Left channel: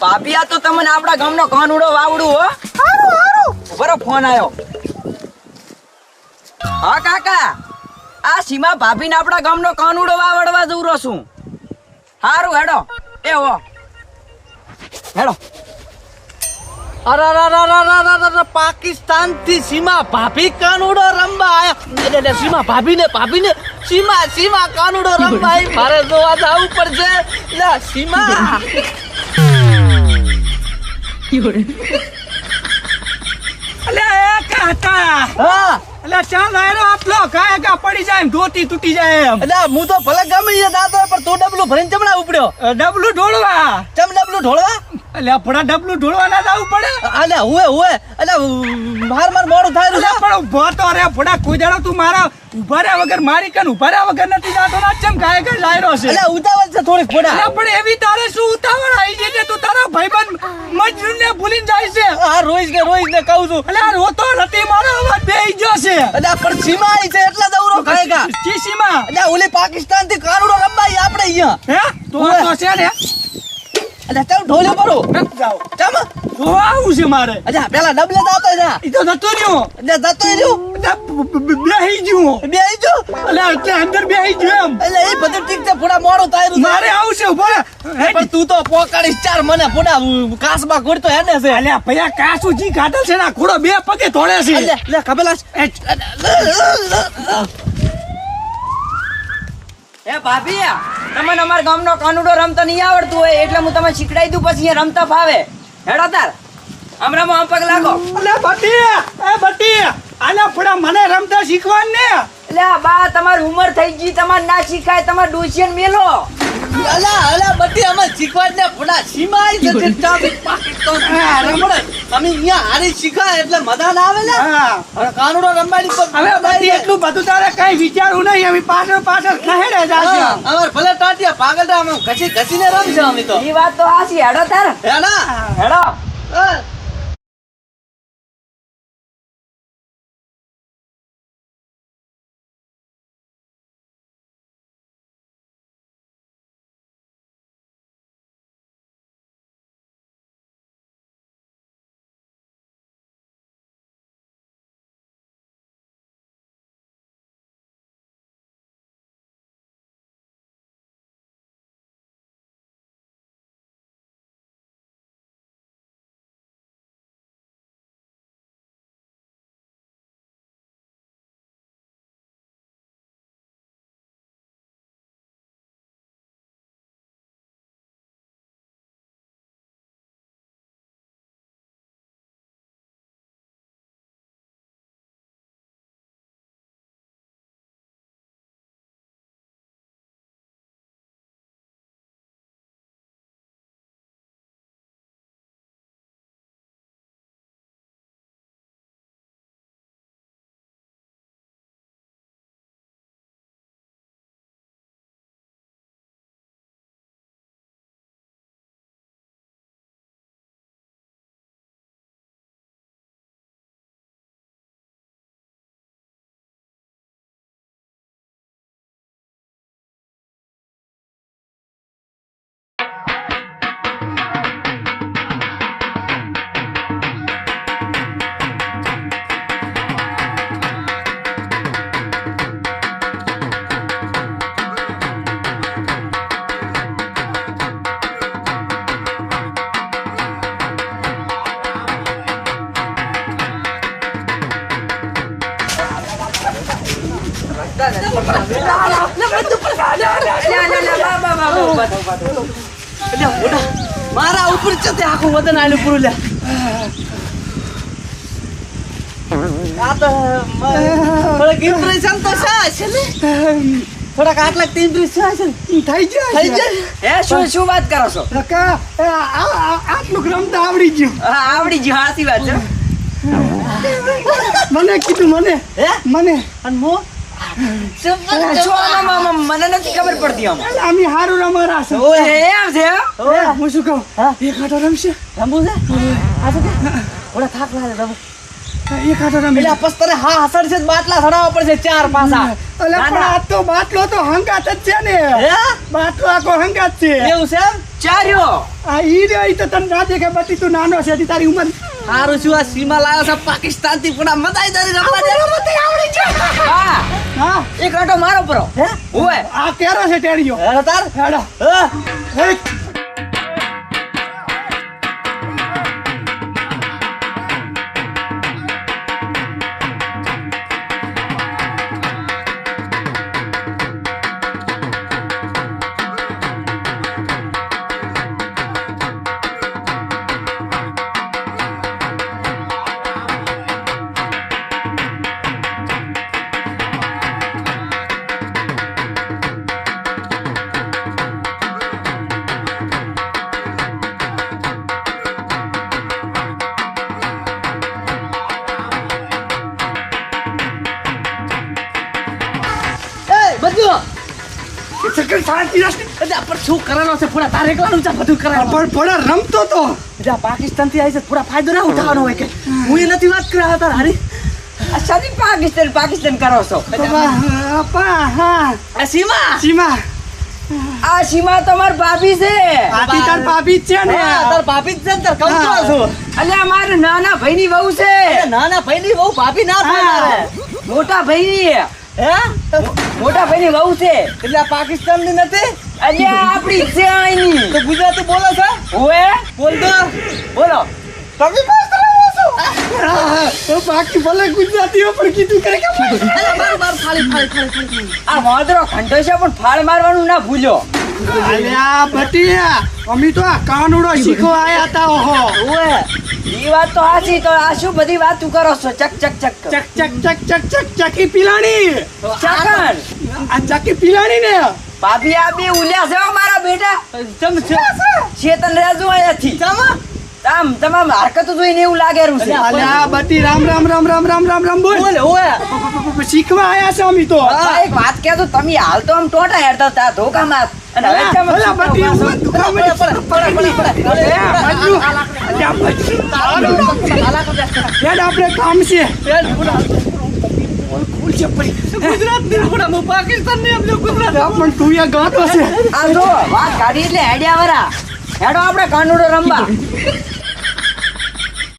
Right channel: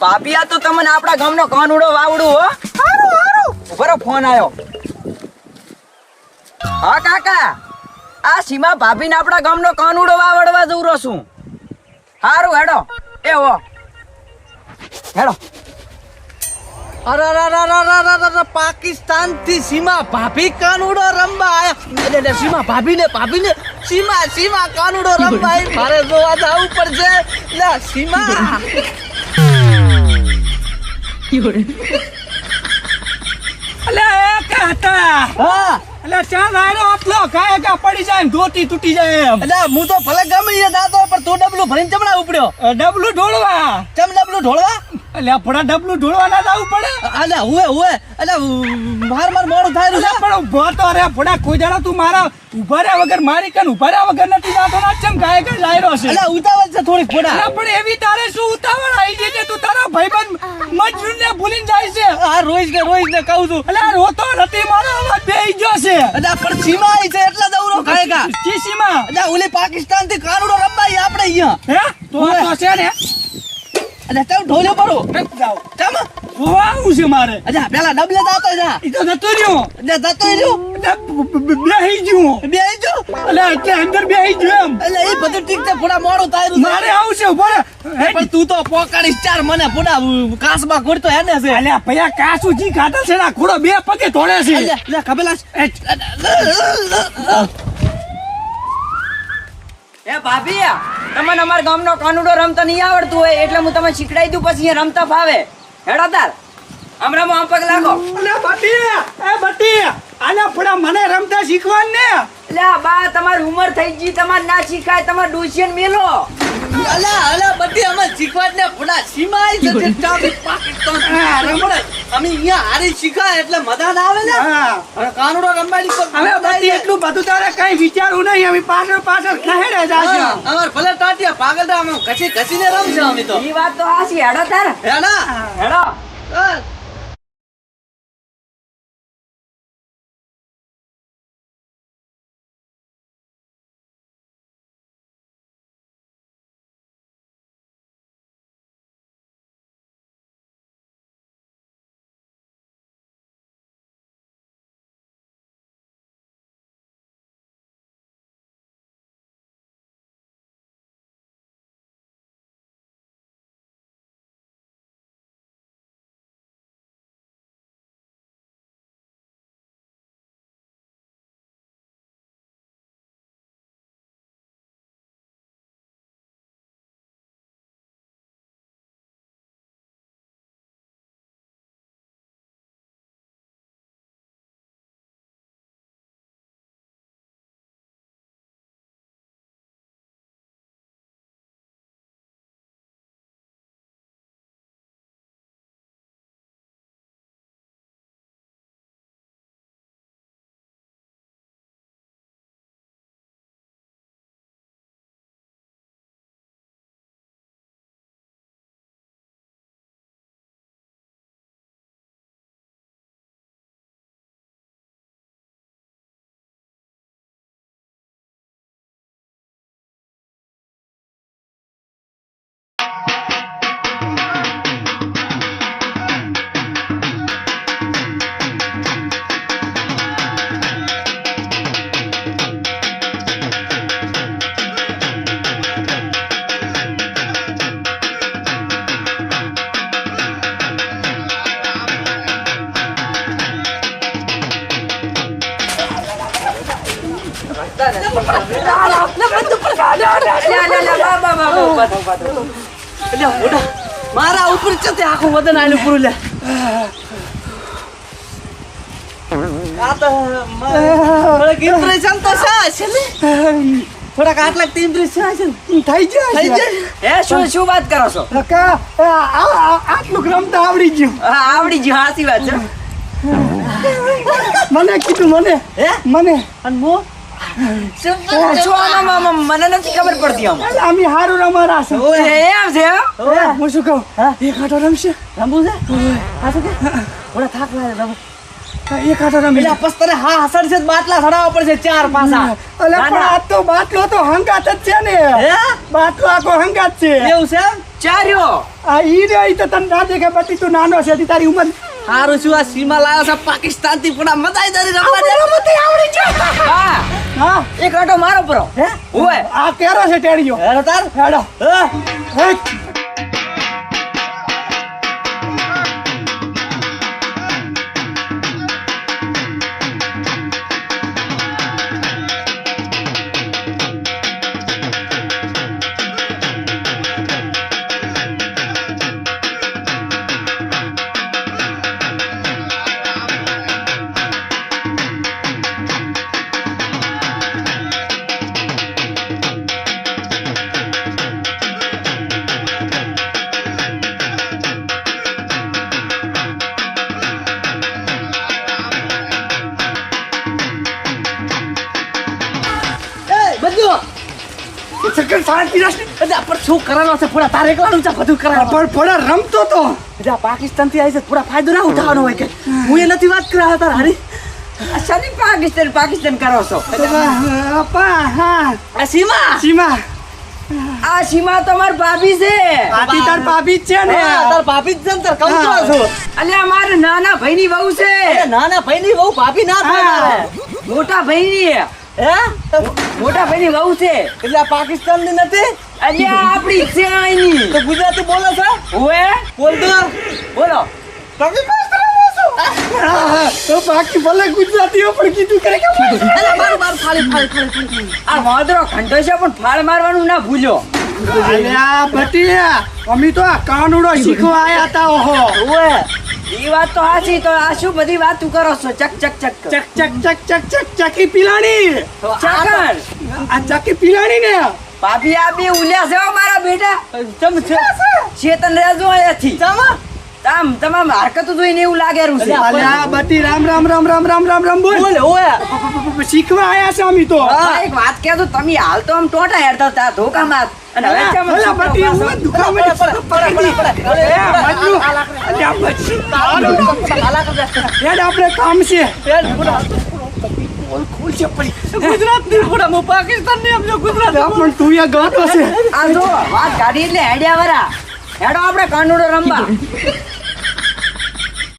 ભાભી આ તો તમને આપણા ગામનો કાનુડો વાવડું હો. બરો ફોન આવ્યો હા કાકા આ સીમા ભાભીને આપણા ગામનો કાનુડો વાવડવા દઉરો છું. હારું હેડો. એ હો. હેડો. અરે અરે અરે અરે અરે અરે અરે પાકિસ્તાનથી સીમા ભાભી કાનુડો રમવા આયા. સીમા ભાભી ને ભાભી ને સીમા સીમા કાનુડો રમવા મારે જોવા જવું પડશે. સીમા. પડી જાય ધોતી તૂટી જાય એમ. એટલે હું તો ભલે ગમે દાતો પણ તું ડબલું ભરીને ચમડા ઉપડ્યો? ડબલું ઢોળવા. ચમ ડબલું ઢોળવા? અલે આપણા ડબલું ઢોળવાના જવું પડે? અલે હુએ હુએ. એટલે માર માર મોડું થાય અલે પણ ઊભો તો રે ભડા કોઈ દાડો તું મારા ઊભા રહ્યા વગર મારી કન ઊભા રહ્યા વગર નથી જાતો ના ચમ કાય કા લાયરો છે? એટલે ઉતાવળ છે અલે પણ એવી તારે શું ઉતાવળ આવી ગઈ છે તું તારા ભાઈબંધ મજનૂર ને ભૂલીને જાય છે? આ કે રોઈશ ને કહું છું. અલે રોતો નથી મારો અવાજ ગયો છે. પણ સીમા આવી છે એટલે દવરો ખાયગા ચીસીમાં એટલે ઓલી પાકિસ્તાનથી કાનુડો આવી આપણે અહીંયા. હે? તો તો છે ને? એટલે ચાલ ઢોલે નથી જાવ કેમ? ખોવાવું આવું છે મારે. અચ્છા પેલા ડબલે જાતો જા. ઈ તો જતો રહ્યો. એટલે જતો રહ્યો? બેહી બ- બેહી ગયું. એટલે એટલે અંદર બેહી ગયું એમ. એટલે એ બધું ઠીક છે ફોડા મોડો થાય મારે આવું છે ઊભો રે. હે, પણ તું તો પોકાડી ચાર મને ફોડા કાસમાં ગોડતો હેને છે. અલ્યા ભૈયા કાસુ જી ખાધા છે ને ખોડો બે પગે તોડે છે. એટલે લે કબેલા એ ભાભી તમને અમારા ગામનો કાનુડો રમતો નહીં આવડતું હોય એટલે હું તમને શીખડાઈ દઉં પછી અહીંયા રમતા ફાવે. હેડો તાર હમણાં આમ પગ લાગો. અલે બટી એ બટી આલે ફડા મને રમતા શીખવાડ ને. એટલે બા તમારી ઉંમર થઈ ગઈ તમારે ના શીખાય તમારે ડોસિયન મેલો. અલા અલા બધી અમે શીખવાડ ને ફોડા સીમા આવી ચાબી પાકિસ્તાન હા, રમડે અમે અહીંયા હારી શીખાય એટલે મજા ના આવે ને હા કાનુડો રમવાની પર હવે એટલું બધું તારે કઈ વિચારવું નહીં. અમે પાછળ પાછળ ખહેડે જાશે અમાર ભલે ટાટિયા પાગલડા અમે ઘસી ઘસીને રમજો અમે તો. એ વાત તો હાસી હેડો તાર. હે. હેડો. મારા ઉપર છે તે આખું વદન આલ્યું પૂરું લે. થોડાક આટલા છે થઈ જાય થઈ જાય હે શું શું વાત કરો છો? કાકા આટલું રમતા આવડી ગયું. આવડી ગયું હાસી વાત છે. મને કીધું મને. હે? મને. અને મને નથી ખબર પડતી આમાં. અમે હારું રમારા છે એમ છે હું. શું કહું? એક આટો રમશે? રમવું છે? આ તો કે? થોડા થાક લાગે રમો એક આટો રમી એટલે પસ હા હસડ છે બાટલા ચડાવવા પડશે ચાર અલે ના, પણ. આ તો બાટલો તો હંગાત જ છે ને. હે? બાટલો આખો હંગાત છે. એવું છે ચાર્યો. આ ઈ રે તો તને ના દેખે બટી તું નાનો છે તારી ઉંમર હારું શું આ સીમા લાવ્યો છે પાકિસ્તાનથી પણ મજાઈ દરી રમવા દે હા. હા? એક આટો મારો પરો. હે? ઓય આ કેરો છે ટેણીયો હેડો તાર. હેડો. હા? બધું. સકન શાંતિ રાખ એટલે આ શું કરવાનો છે પૂરા તારે એકલાનું છે બધું કરવાનું પણ થોડા રમતો તો. એટલે પાકિસ્તાનથી આવી છે ફાયદો ના ઉઠાવવાનો હોય કે. હું એ નથી વાત કરા તાર હારી. આ પાકિસ્તાન પાકિસ્તાન કરો છો. સીમા? સીમા. આ સીમા તમાર ભાભી છે. આથી તાર ભાભી. જ છે ને. તાર ભાભી જ છે ને તાર કહું તો હા. છું. અલે અમારે નાના ભાઈની વહુ છે. નાના ભાઈની ભાઈ બહુ ભાભી ના થાય મોટા ભાઈની. હે? મોટા ભાઈની વહુ છે. એટલે આ પાકિસ્તાનની નથી અલે આપણી છે અહીંની. તો ગુજરાતી બોલો છો? ઓએ બોલ તો. બોલો. તમે હા, તો બાકી ભલે ગુજરાતીઓ પણ કીધું કરે કે માર માર આ વાંદરો ખંડો છે પણ ફાળ મારવાનું ના ભૂલ્યો. અલ્યા આ બટી અમે તો આ કાનુડો શીખવા આયા હતા ઓહો. ઓએ એ વાત તો સાચી તો આ શું બધી વાત તું કરો છો? ચક ચક ચક. ચક ચક ચક ચક ચક ચકી પીલાણી. ચાકર. આ ચકી પીલાણી ને. ભાભી આ બે ઉલ્યા છે મારા બેટા. ચમ છે? ચેતન રેજો અહીંયાથી. ચમ? આમ તમામ હરકતો જોઈને એવું લાગે રહ્યું છે આ બટી રામ રામ રામ રામ રામ રામ રામ બોલ. બોલ ઓય. શીખવા આયા છે અમે તો. એક વાત કહેતો તમે હાલ તો આમ ટોટા હેરતા હતા ધોકામાં. અને હવે કેમ ભલા બટી હું દુખામ પડે, પડે, પડે, પડે, પડે. એ, મજનુ. અલે આ બટી. હેડ આપણે કામ છે. ગુજરાતની પૂરા હું પાકિસ્તાનની સમજો ગુજરાત પણ તું એ ગાતો છે. આ જો વાત કાઢી એટલે હેડ્યા વરા હેડો આપણે કાનુડો રમવા.